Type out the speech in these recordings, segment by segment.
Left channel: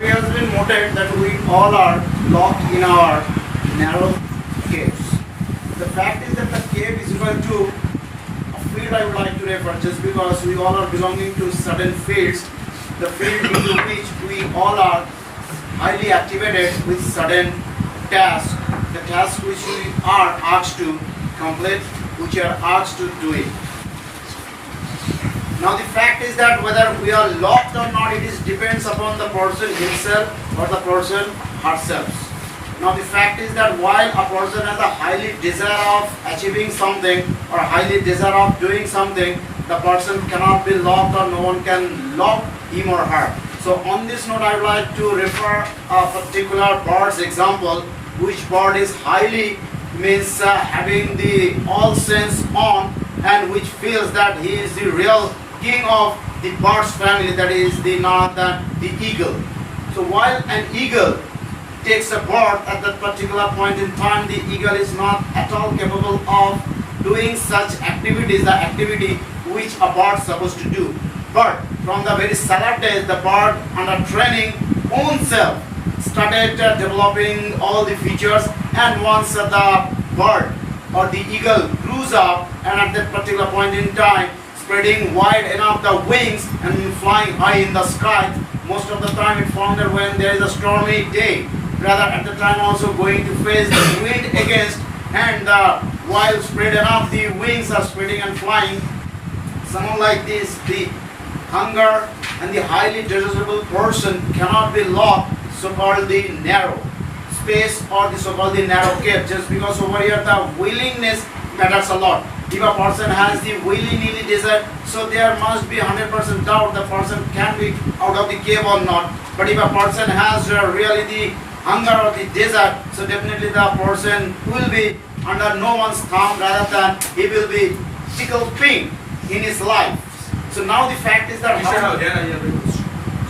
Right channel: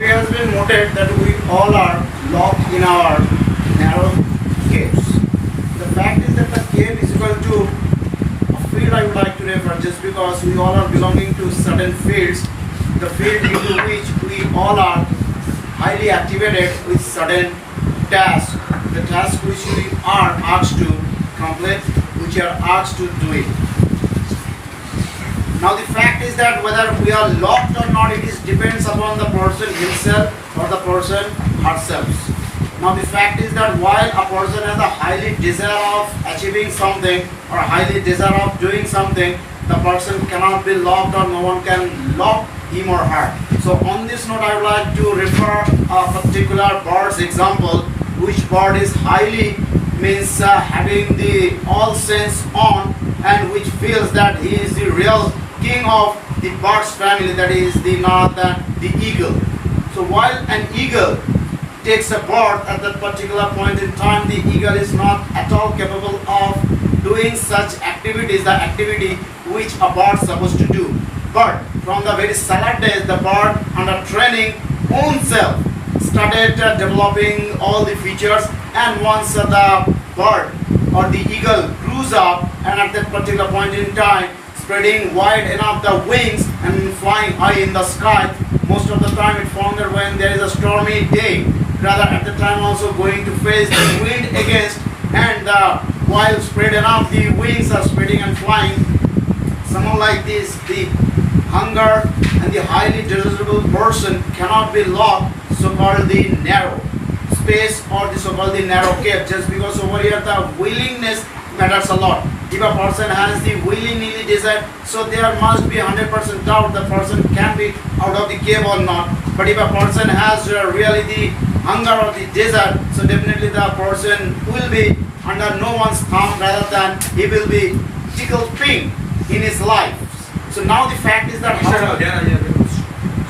It has been noted that we all are locked in our narrow caves. The fact is that the cave is equal to a field I would like to refer, just because we all are belonging to certain fields, the field into which we all are highly activated with certain tasks, the tasks which we are asked to complete, which are asked to do it. Now the fact is that whether we are locked or not, it is depends upon the person himself or the person herself. Now the fact is that while a person has a highly desire of achieving something or highly desire of doing something, the person cannot be locked or no one can lock him or her. So on this note, I would like to refer a particular bird's example, which bird is highly means having the all sense on, and which feels that he is the real king of the bird's family, that is the eagle. So while an eagle takes a bird at that particular point in time, the eagle is not at all capable of doing such activities, the activity which a bird is supposed to do. But from the very salad days, the bird under training own self started developing all the features, and once the bird or the eagle grows up and at that particular point in time spreading wide enough the wings and flying high in the sky, most of the time it found that when there is a stormy day, rather at the time also going to face the wind against, and while spread enough the wings are spreading and flying, someone like this, the hunger and the highly desirable person cannot be locked, so-called the narrow space or the so-called the narrow cave, just because over here the willingness matters a lot. If a person has the willy-nilly desire, so there must be 100% doubt the person can be out of the cave or not. But if a person has really the hunger or the desire, so definitely the person will be under no one's thumb, rather than he will be tickled pink in his life. So now the fact is that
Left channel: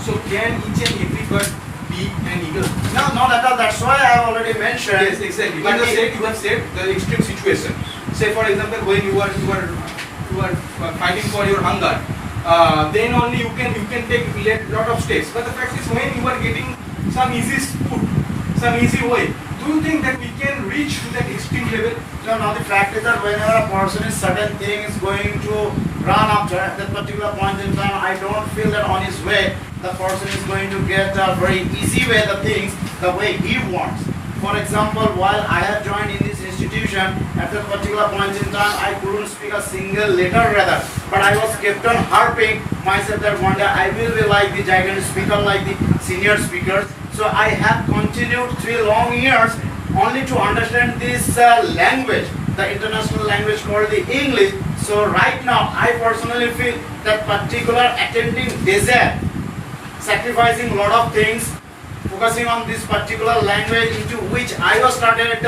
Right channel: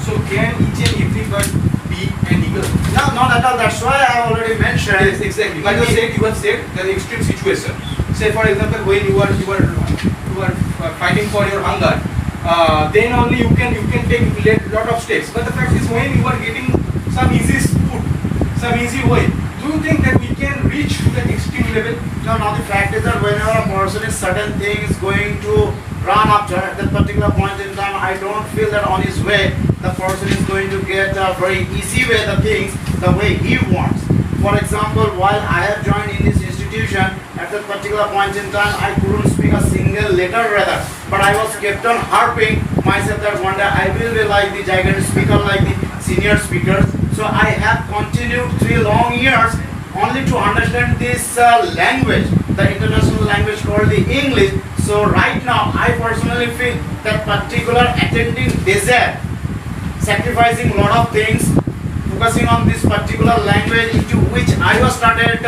so can each and every bird be an eagle? no, not at all. That's why I already mentioned. Yes, exactly. But you have said the extreme situation. Say for example, when you are fighting for your hunger, then only you can take lot of steps. But the fact is, when you are getting some easy food, some easy way, do you think that we can reach that extreme level? No, now the fact is that whenever a person is certain thing is going to run up to that particular point in time, I don't feel that on his way the person is going to get a very easy way the things the way he wants. For example, while I have joined in this institution, at that particular point in time, I couldn't speak a single letter rather, but I was kept on harping myself that one day I will be like the gigantic speaker, like the senior speakers. So I have continued 3 long years only to understand this language, the international language called the English. So right now, I personally feel that particular attending desire, sacrificing a lot of things, focusing on this particular language into which I was started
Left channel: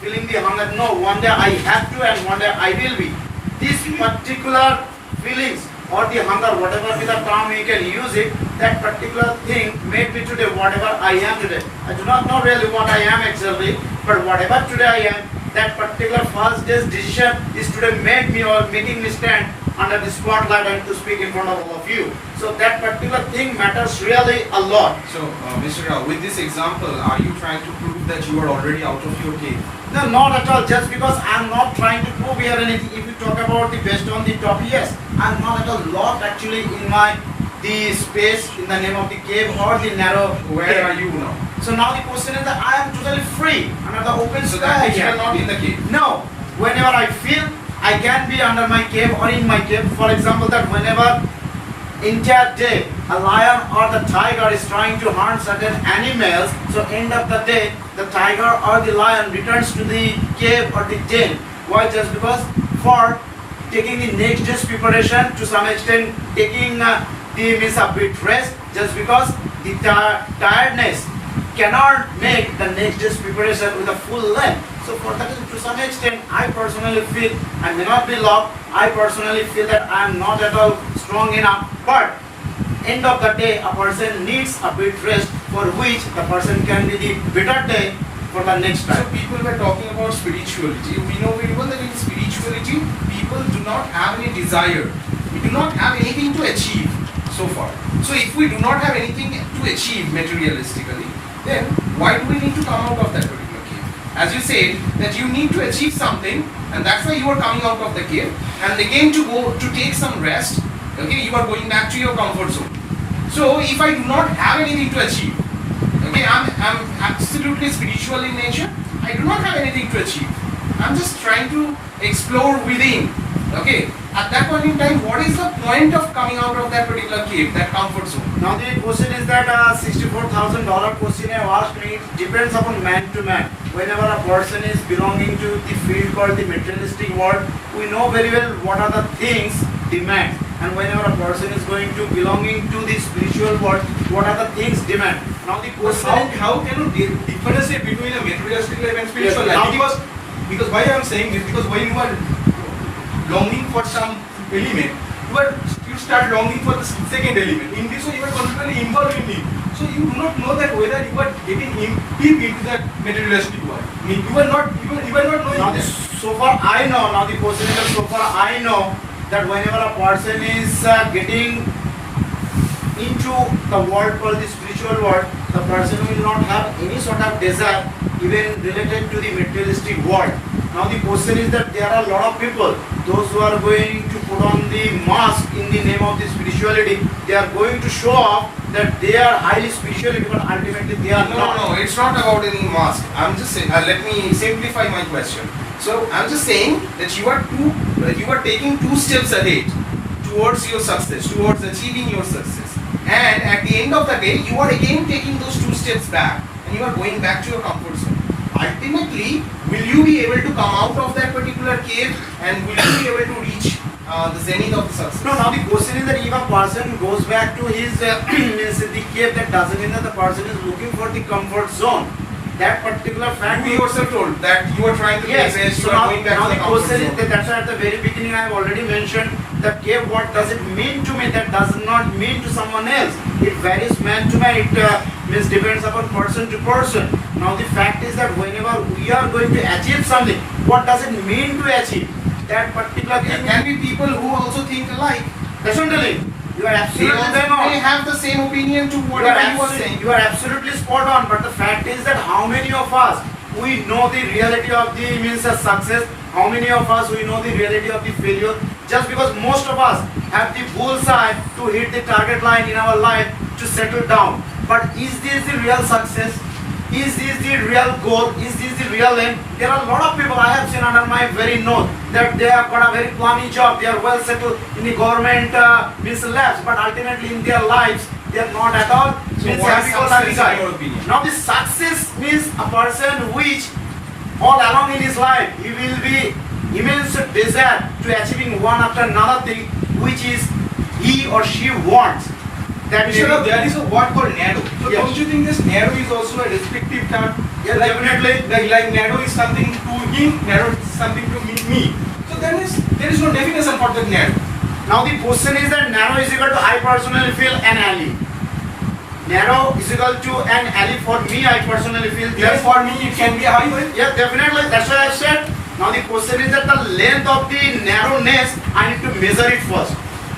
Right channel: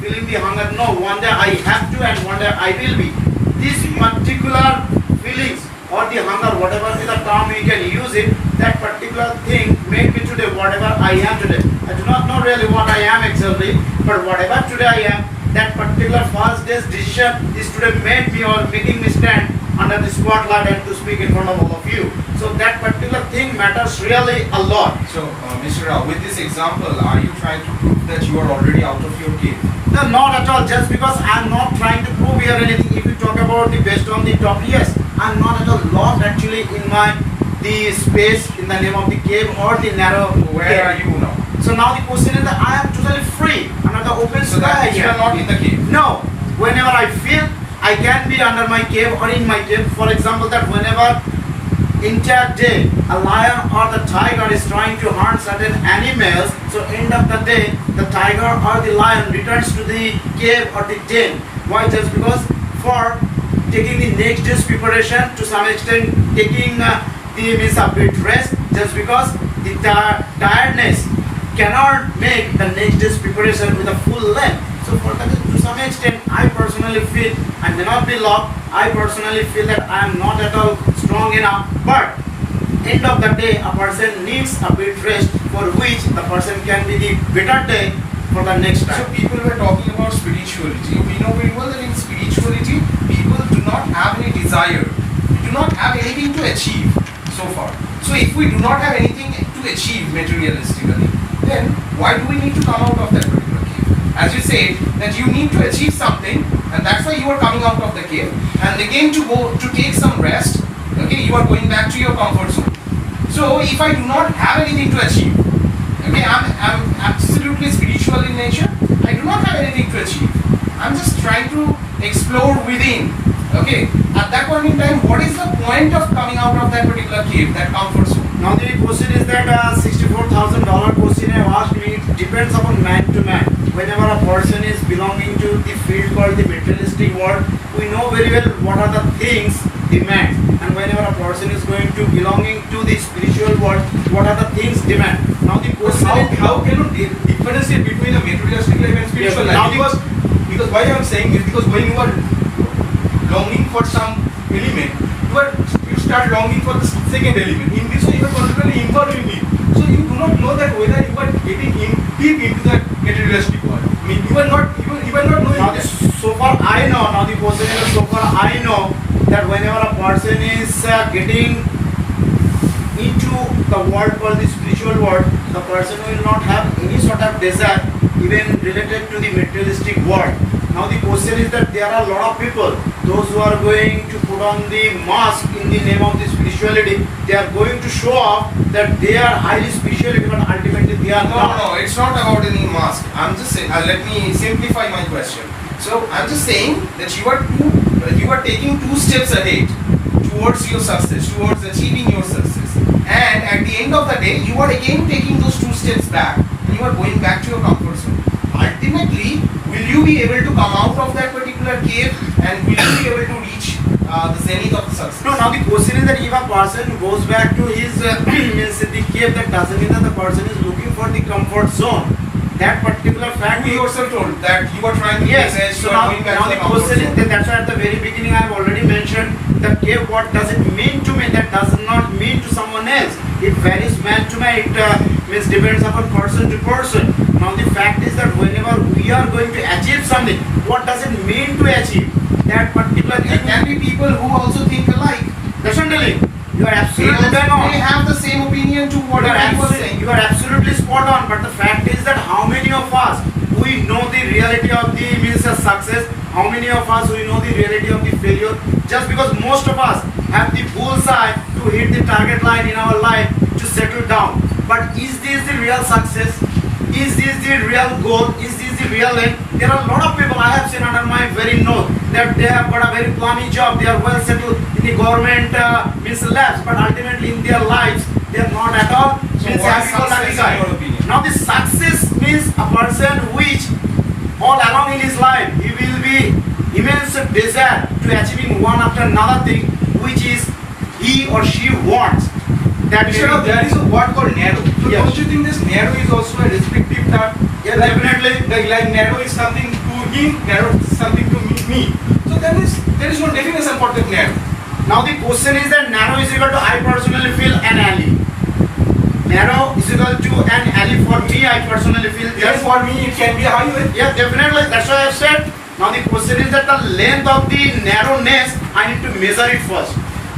feeling the hunger. No, one day I have to, and one day I will be. These particular feelings or the hunger, whatever be the term we can use it, that particular thing made me today whatever I am today. I do not know really what I am exactly, but whatever today I am, that particular first day's decision is today made me or making me stand under the spotlight and to speak in front of all of you. So that particular thing matters really a lot. So, Mr. Rao, with this example, are you trying to prove that you are already out of your cave? No, not at all. Just because I'm not trying to prove here anything. If you talk about the based on the top, yes, I'm not at all locked actually in the space in the name of the cave or the narrow. Where are you now? So now the question is that I am totally free under the open So sky. that you are not in the cave? No. Whenever I feel I can be under my cave or in my cave. For example, that whenever entire day a lion or the tiger is trying to hunt certain animals, so end of the day the tiger or the lion returns to the cave or the den. Why? Just because for taking the next day's preparation, to some extent taking the means a bit rest, just because the tiredness cannot make the next day's preparation with a full length. So for that, to some extent, I personally feel I may not be locked. I personally feel that I am not at all strong enough. But end of the day, a person needs a bit rest, for which the person can be the better day for the next time. So people were talking about spirituality. We know very well that in spirituality, people do not have any desire, do not have anything to achieve. so far. So if we do not have anything to achieve materialistically, then why do we need to come out of that particular cave? As you said, that you need to achieve something, and that's why you are coming out of the cave, and again to go to take some rest. Okay, you are going back to your comfort zone. So if I do not have anything to achieve, okay, I'm absolutely spiritual in nature. I do not have anything to achieve. I'm just trying to explore within. Okay, at that point in time, what is the point of coming out of that particular cave, that comfort zone? Now the question is that $64,000 question I asked me, it depends upon man to man. Whenever a person is belonging to the field called the materialistic world, we know very well what are the things demand. And whenever a person is going to belonging to the spiritual world, what are the things demand. Now the question is, How can you differentiate between a materialistic life and spiritual Yes, life? now Because why I am saying is because when you are longing for some element, you start longing for the second element. In this way, you are constantly involved in it. So you do not know that whether you are getting deep into that materialistic world. I mean, you are not knowing now that. so far I know, now the question is, so far I know that whenever a person is getting into the world called the spiritual world, the person will not have any sort of desire even related to the materialistic world. Now the question is that there are a lot of people, those who are going to put on the mask in the name of the spirituality, they are going to show off that they are highly spiritual, but ultimately they are not. No, it's not about any mask. I'm just saying, let me simplify my question. So I'm just saying that you are taking 2 steps ahead towards your success, towards achieving your success. And at the end of the day, you are again taking those 2 steps back and you are going back to your comfort zone. Ultimately, will you be able to come out of that particular cave and will you be able to reach the zenith of the success? No, now the question is that if a person goes back to his means the cave, that doesn't mean that the person is looking for the comfort zone. That particular fact You yourself told that you are trying to yes, make sense, so you are going back now to the the comfort question is zone. that that's why at the very beginning I have already mentioned the cave, what does it mean to me? That does not mean to someone else. It varies man to man, it means depends upon person to person. Now the fact is that whenever we are going to achieve something, what does it mean to achieve? That particular There thing, can be people who also think alike. definitely, you are They absolutely bang on. have the same opinion to whatever you are saying. You are absolutely spot on, but the fact is that how many of us we know the reality of the means of success, how many of us we know the reality of the failure, just because most of us have the bullseye to hit the target line in our life to settle down. But is this the real success? Is this the real goal? Is this the real aim? There are a lot of people I have seen under my very nose that they have got a very plummy job, they are well settled in the government means labs, but ultimately in their lives they are not at all So means what is happy-go-lucky success guy. in your opinion? Now the success means a person which all along in his life he will be immense desire to achieving one after another thing which is he or she wants. That may Instead of be- there is a word called narrow. So Yes. don't you think this narrow is also a descriptive term? Yeah, definitely. Like narrow is something to him, narrow is something to me. So there is no definition for that narrow. Now the question is that narrow is equal to I personally feel an alley. Narrow is equal to an alley for me, I personally feel. Yes, for me it can be a highway. Yeah, definitely. That's why I said. Now the question is that the length of the narrowness, I need to measure it first.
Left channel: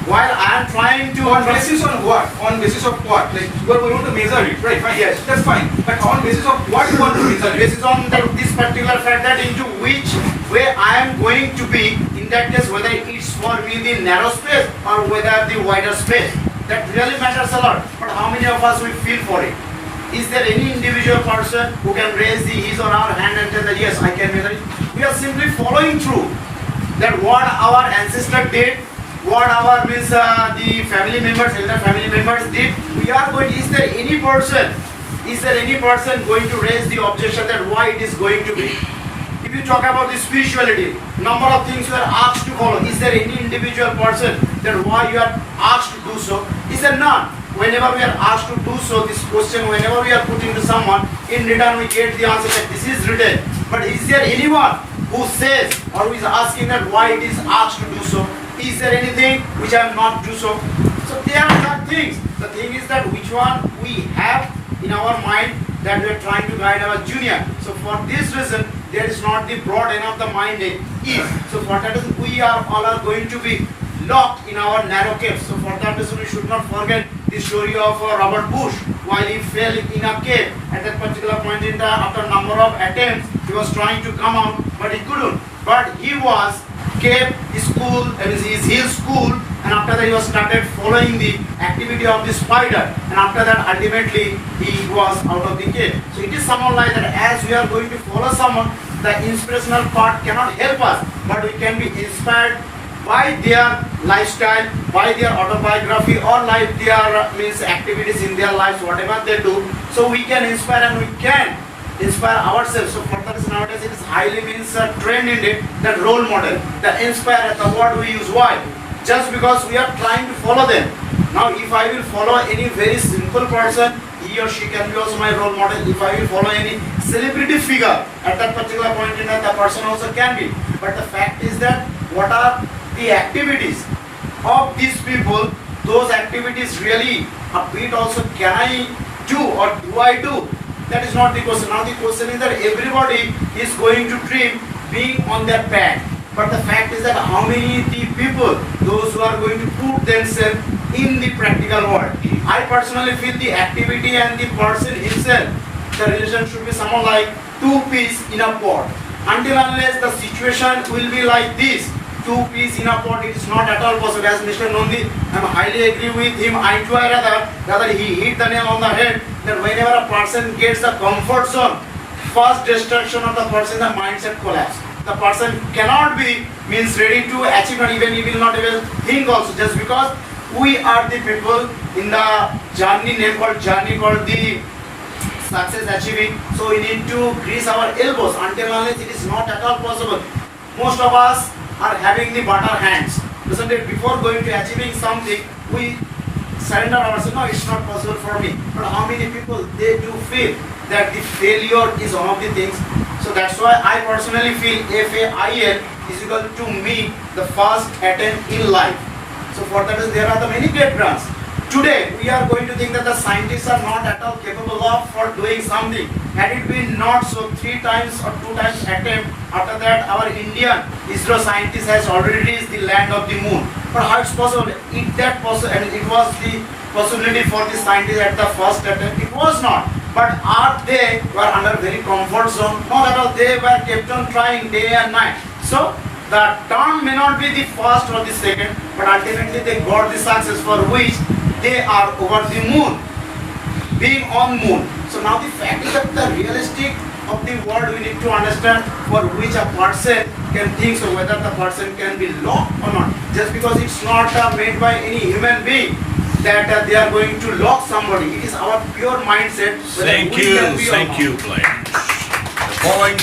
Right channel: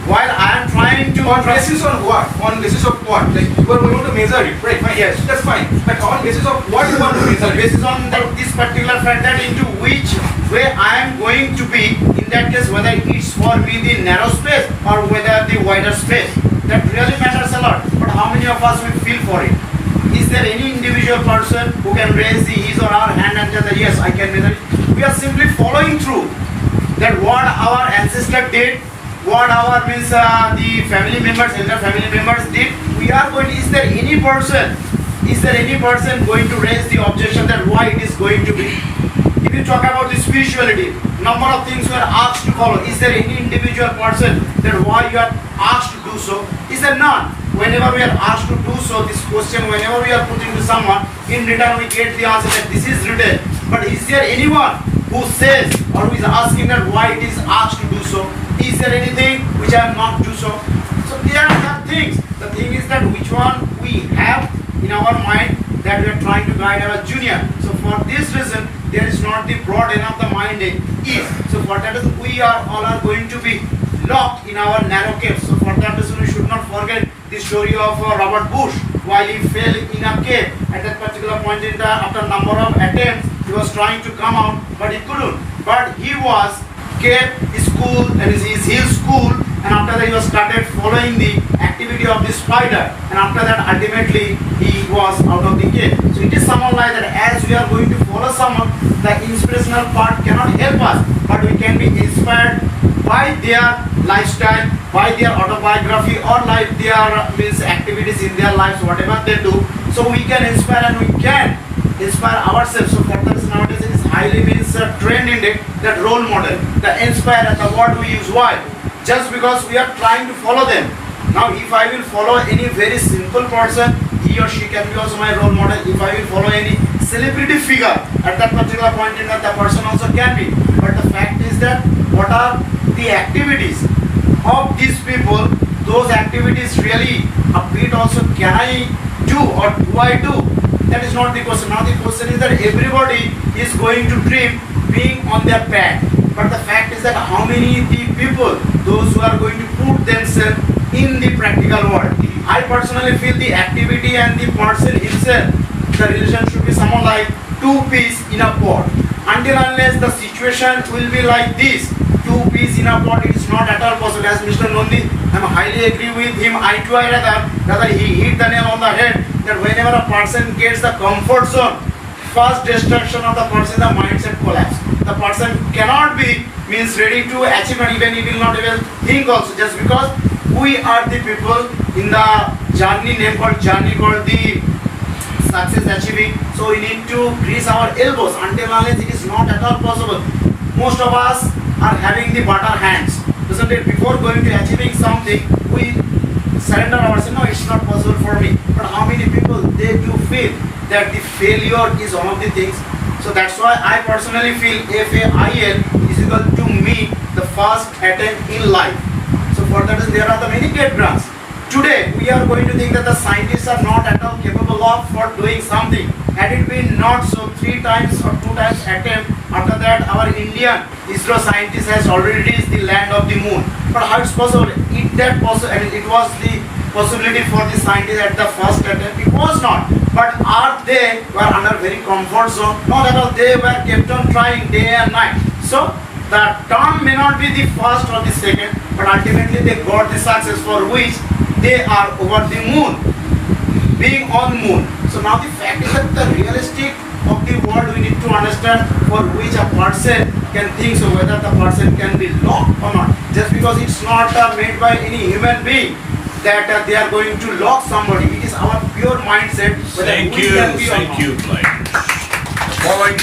While I am trying to On basis on what? On basis of what? Like you are going to measure it, right? Fine. Yes. That's fine. But on basis of what you want to measure it? Based on this particular fact that into which way I am going to be, in that case whether it's for me the narrow space or whether the wider space, that really matters a lot. But how many of us will feel for it? Is there any individual person who can raise his or her hand and tell that yes, I can measure it? We are simply following through that what our ancestor did, what our means the family members, elder family members did. We are going. Is there any person going to raise the objection that why it is going to be? If you talk about the spirituality, number of things we are asked to follow. Is there any individual person that why you are asked to do so? Is there none? Whenever we are asked to do so, this question, whenever we are putting to someone, in return we get the answer that this is written. But is there anyone who says or who is asking that why it is asked to do so? Is there anything which I am not do so? So there are some things. The thing is that which one we have in our mind that we are trying to guide our junior. So for this reason, there is not the broad enough the mind is. So for that reason, we are all are going to be locked in our narrow cave. So for that reason, we should not forget the story of Robert Bush while he fell in a cave. At that particular point in time, after a number of attempts, he was trying to come out, but he couldn't. But he was kept his school, and his school, and after that he was started following the activity of the spider, and after that ultimately he was out of the cave. So it is someone like that. As we are going to follow someone, the inspirational part cannot help us, but we can be inspired by their lifestyle, by their autobiography, or like their means activities in their lives, whatever they do. So we can inspire and we can inspire ourselves. So for that nowadays it is highly means trend in it, that role model, the inspire, the word we use. Why? Just because we are trying to follow them. Now if I will follow any very simple person, he or she can be also my role model. If I will follow any celebrity figure, at that particular point in time, the person also can be. But the fact is that what are the activities of these people? Those activities really a bit also can I do, or do I do? That is not the question. Now the question is that everybody is going to dream being on their back. But the fact is that how many the people, those who are going to put themselves in the practical world. I personally feel the activity and the person himself, the relation should be someone like two peas in a pot. Until unless the situation will be like this, two peas in a pot, it is not at all possible. As Mr. Nondi, I am highly agree with him. I too rather he hit the nail on the head, that whenever a person gets the comfort zone, first destruction of the person, the mindset collapse. The person cannot be means ready to achieve, and even he will not even think also, just because we are the people in the journey called the success achieving. So we need to grease our elbows. Until unless it is not at all possible. Most of us are having the butter hands, isn't it? Before going to achieving something, we surrender ourselves. No, it's not possible for me. But how many people they do feel that the failure is one of the things? So that's why I personally feel FAIL is equal to me the first attempt in life. So for that there are the many great grants. Today we are going to think that the scientists are not at all capable of for doing something. Had it been not so, 3 times or 2 times attempt, after that our Indian ISRO scientist has already reached the land of the moon. But how it's possible? It was the possibility for the scientists at the first attempt. It was not. But are they were under very comfort zone? Not at all. They were kept on trying day and night. So the term may not be the first or the second, but ultimately they got the success for which they are over the moon, being on moon. So now the fact is that the realistic of the world we need to understand for which a person can think, so whether the person can be locked or not. Just because it's not made by any human being that they are going to lock somebody. It is our pure mindset whether we can be or not. Thank you, Blaine. The following